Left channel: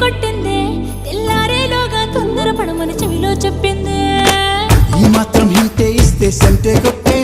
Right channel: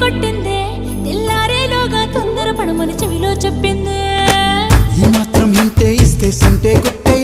కొట్టిందే తెల్లారేలోగా తొందర పడమని చెవిలో చెప్పిందే ఈ మాత్రం హింటే ఇస్తే సంటే కొట్టే